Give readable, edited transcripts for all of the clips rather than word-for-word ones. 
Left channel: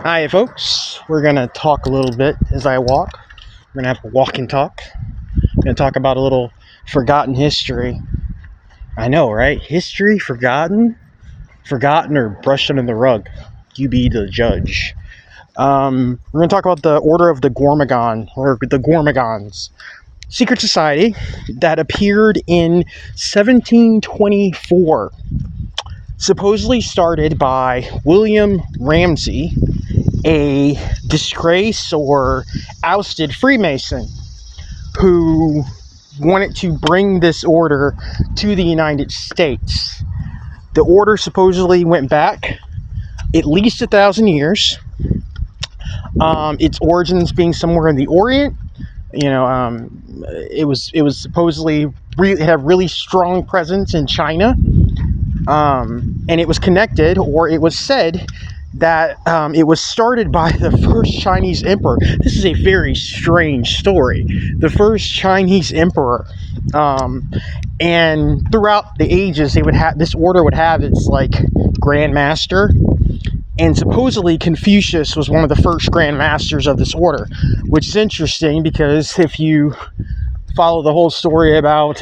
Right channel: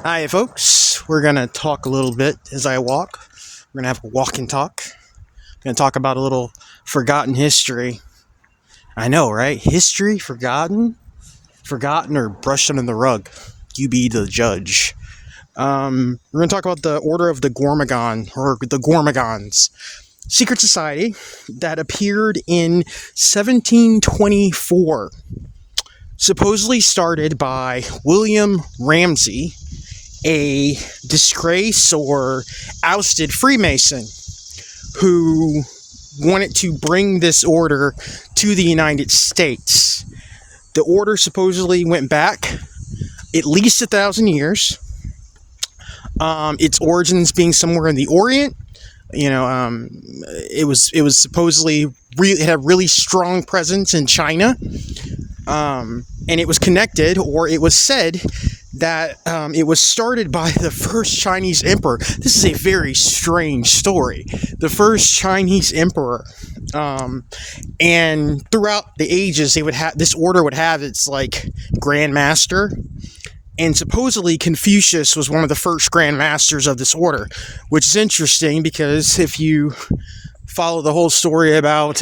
Hi, folks. We're going to talk a little bit as I walk. We're going to have a walk and talk. We're going to talk about a little forgotten history. I know, right? History forgotten? Forgotten or brushed under the rug? You be the judge. We're going to talk about the Order of the Gormogon, or the Gormogons. Secret society that appeared in 1724. Supposedly started by William Ramsay, a disgraced or ousted Freemason who wanted to bring this order to the United States. The order supposedly went back at least 1,000 years. Its origins being somewhere in the Orient. It was supposedly it had really strong presence in China. And it was connected, or it was said that it was started by the first Chinese emperor. This is a very strange story. The first Chinese emperor. And throughout the ages, this order would have its Grand Master. And supposedly Confucius was one of the first Grand Masters of this order, which is interesting because if you follow the whole story about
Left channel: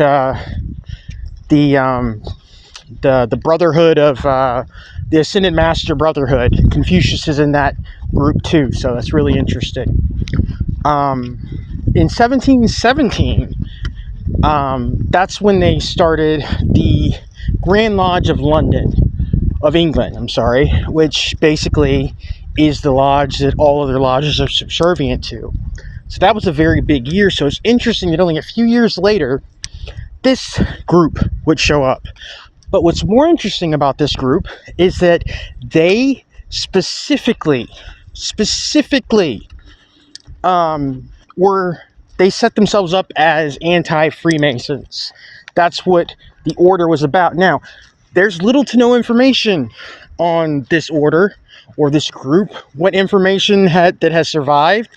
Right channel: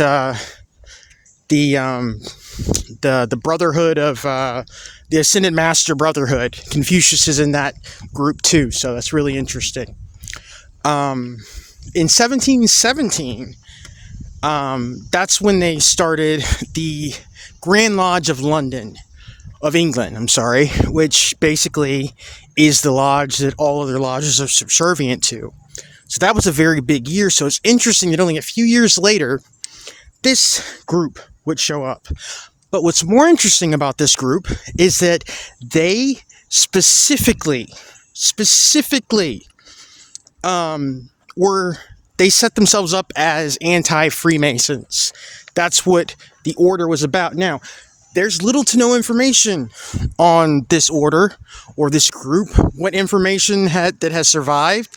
the Brotherhood of the Ascended Master Brotherhood, Confucius is in that group too, so that's really interesting. In 1717, that's when they started the Grand Lodge of England, which basically is the lodge that all other lodges are subservient to. So that was a very big year, so it's interesting that only a few years later, this group would show up. But what's more interesting about this group is that they specifically they set themselves up as anti-Freemasons. That's what the order was about. Now, there's little to no information on this order or this group. What information that has survived,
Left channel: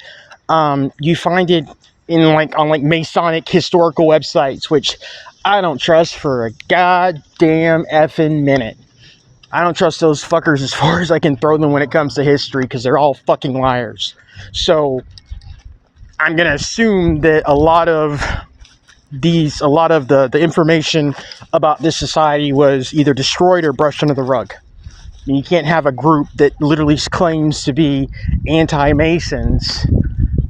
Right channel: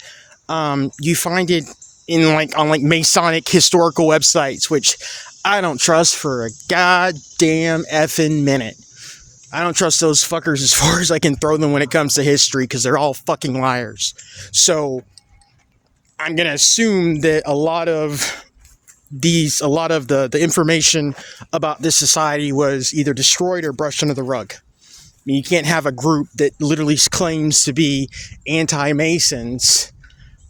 you find it in on Masonic historical websites, which I don't trust for a goddamn effing minute. I don't trust those fuckers as far as I can throw them when it comes to history, because they're all fucking liars. So I'm gonna assume that a lot of the information about this society was either destroyed or brushed under the rug. You can't have a group that literally claims to be anti-Masons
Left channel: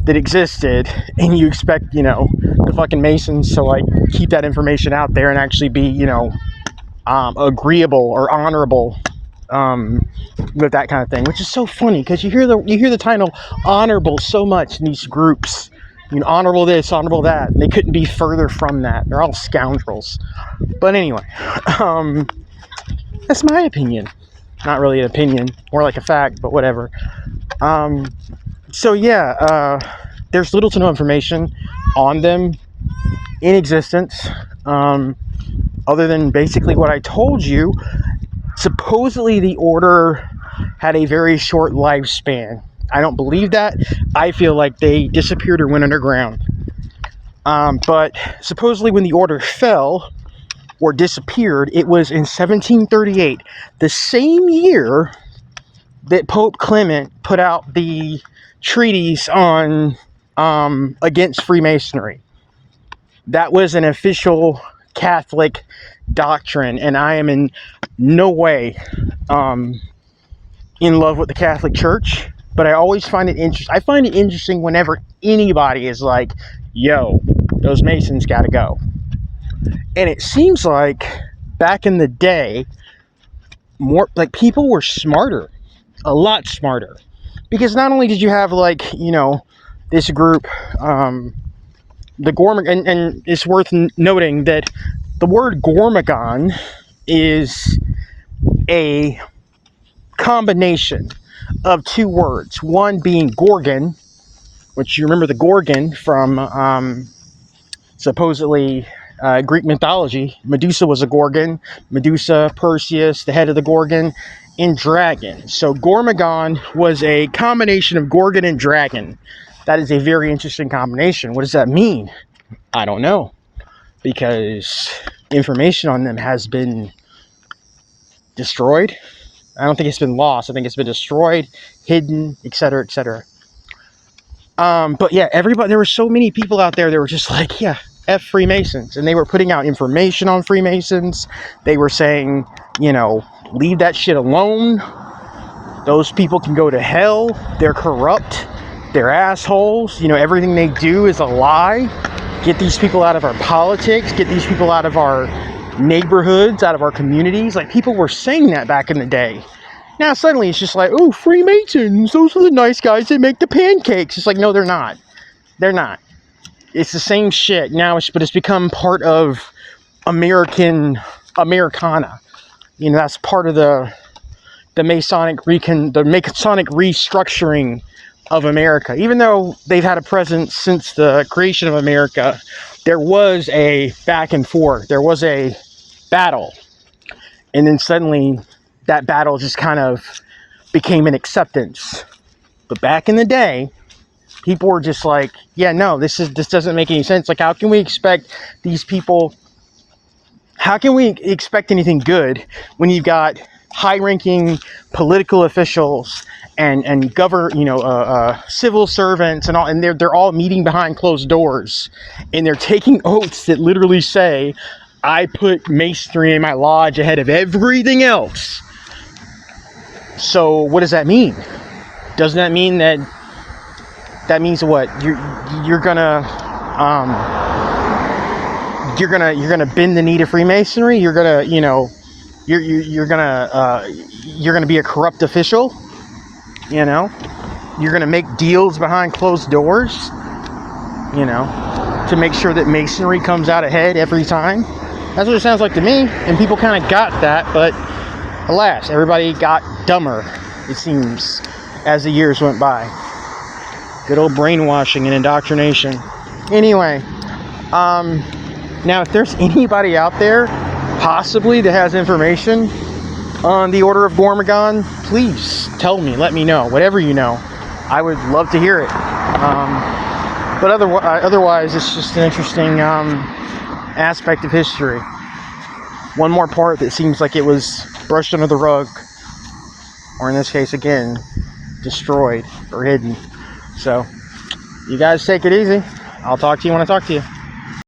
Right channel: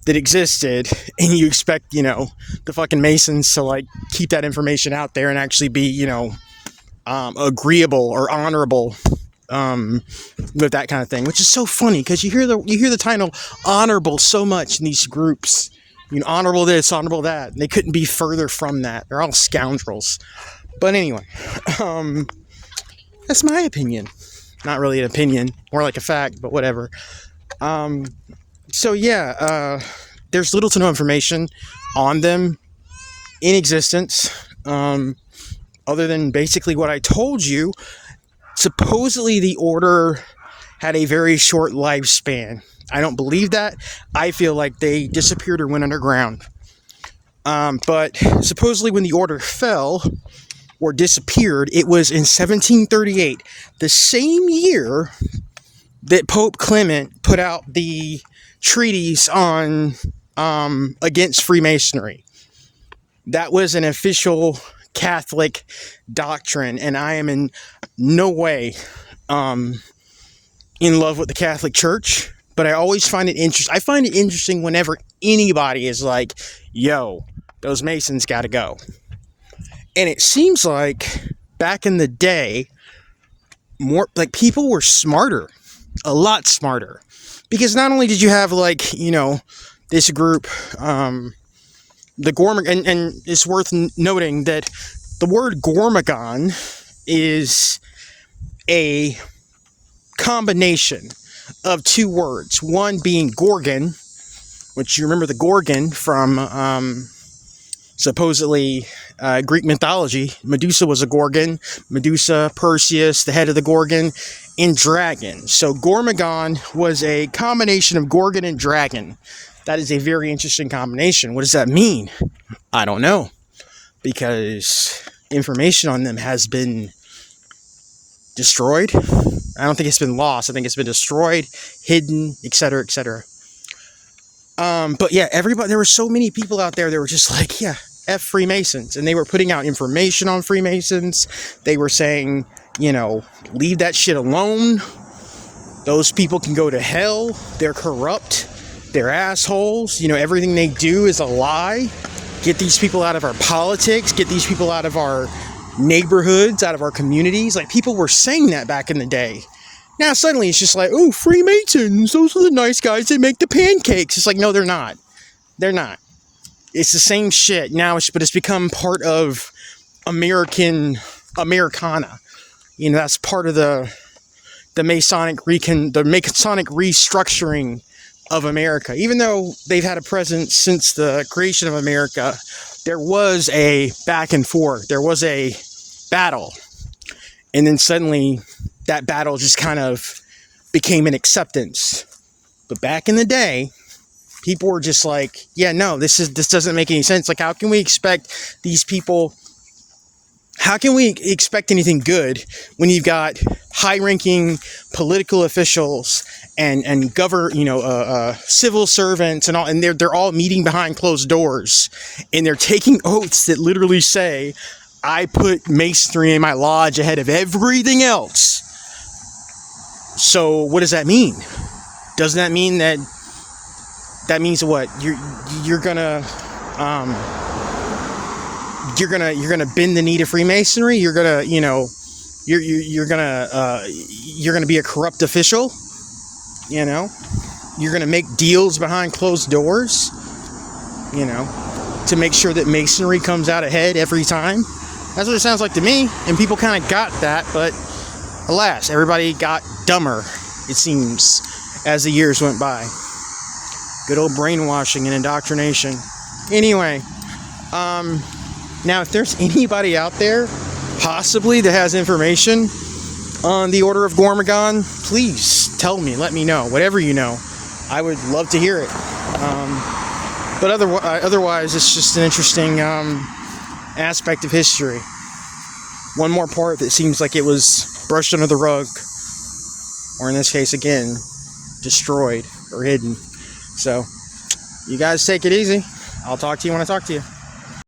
that existed, and you expect, the fucking Masons to keep that information out there and actually be, agreeable or honorable with that kind of thing, which is so funny because you hear the title honorable so much in these groups. Honorable this, honorable that. And they couldn't be further from that. They're all scoundrels. But anyway, that's my opinion. Not really an opinion, more like a fact, but whatever. There's little to no information on them in existence, other than basically what I told you. Supposedly the order had a very short lifespan. I don't believe that. I feel like they disappeared or went underground. But supposedly when the order fell or disappeared, it was in 1738, the same year that Pope Clement put out the treatise on against Freemasonry. That was an official Catholic doctrine, and I am in no way in love with the Catholic Church, but I always find it interesting. I find it interesting whenever anybody is like, yo, those Masons gotta go. And it seems like back in the day, people were smarter, a lot smarter. Because not only did you have this group, the Gormogon, and it's worth noting that the word Gormogon is a combination of two words. One being Gorgon, which you remember the Gorgon from supposedly Greek mythology. Medusa was a Gorgon. Medusa, Perseus, the head of the Gorgon, and dragon. So Gormogon was a combination of Gorgon and dragon. That is a very interesting combination. What does that mean? I don't know, because information on them has been destroyed. I don't think it's been lost. I think it's been destroyed, hidden, etc., etc. But yeah, everybody, there were so many people out there that were just like, yeah, F Freemasons. And they were putting out information on Freemasons. They were saying, you know, leave that shit alone. Those people can go to hell. They're corrupt. They're assholes. You know, everything they do is a lie. Get these people out of our politics. Get these people out of our neighborhoods, out of our communities. Like, people were saying that back in the day. Now suddenly it's just like, oh, Freemasons, those are the nice guys that make the pancakes. It's like, no, they're not. They're not. It's the same shit now, but it's become part of Americana. You know, that's part of the Masonic restructuring of America. Even though they've had a presence since the creation of America, there was a back and forth. There was a battle. And then suddenly that battle just kind of became an acceptance. But back in the day, people were just like, yeah, no, this doesn't make any sense. Like, how can we expect these people? How can we expect anything good when you've got high-ranking political officials and civil servants and all, and they're all meeting behind closed doors, and they're taking oaths that literally say, I put masonry in my lodge ahead of everything else. So what does that mean? Doesn't that mean that means what? You're gonna bend the knee to Freemasonry? You're gonna be a corrupt official? You know? You're gonna make deals behind closed doors? You know, to make sure that Masonry comes out ahead every time? That's what it sounds like to me. And people kind of got that, but alas, everybody got dumber, it seems, as the years went by. Good old brainwashing and indoctrination. Anyway, now if there's anybody out there, possibly, that has information on the Order of Gormogon, please tell me, let me know, whatever you know. I would love to hear it. But otherwise, it's just an interesting aspect of history. One more part that seems like it was brushed under the rug, or in this case, again, destroyed or hidden. So, you guys take it easy. I'll talk to you when I talk to you.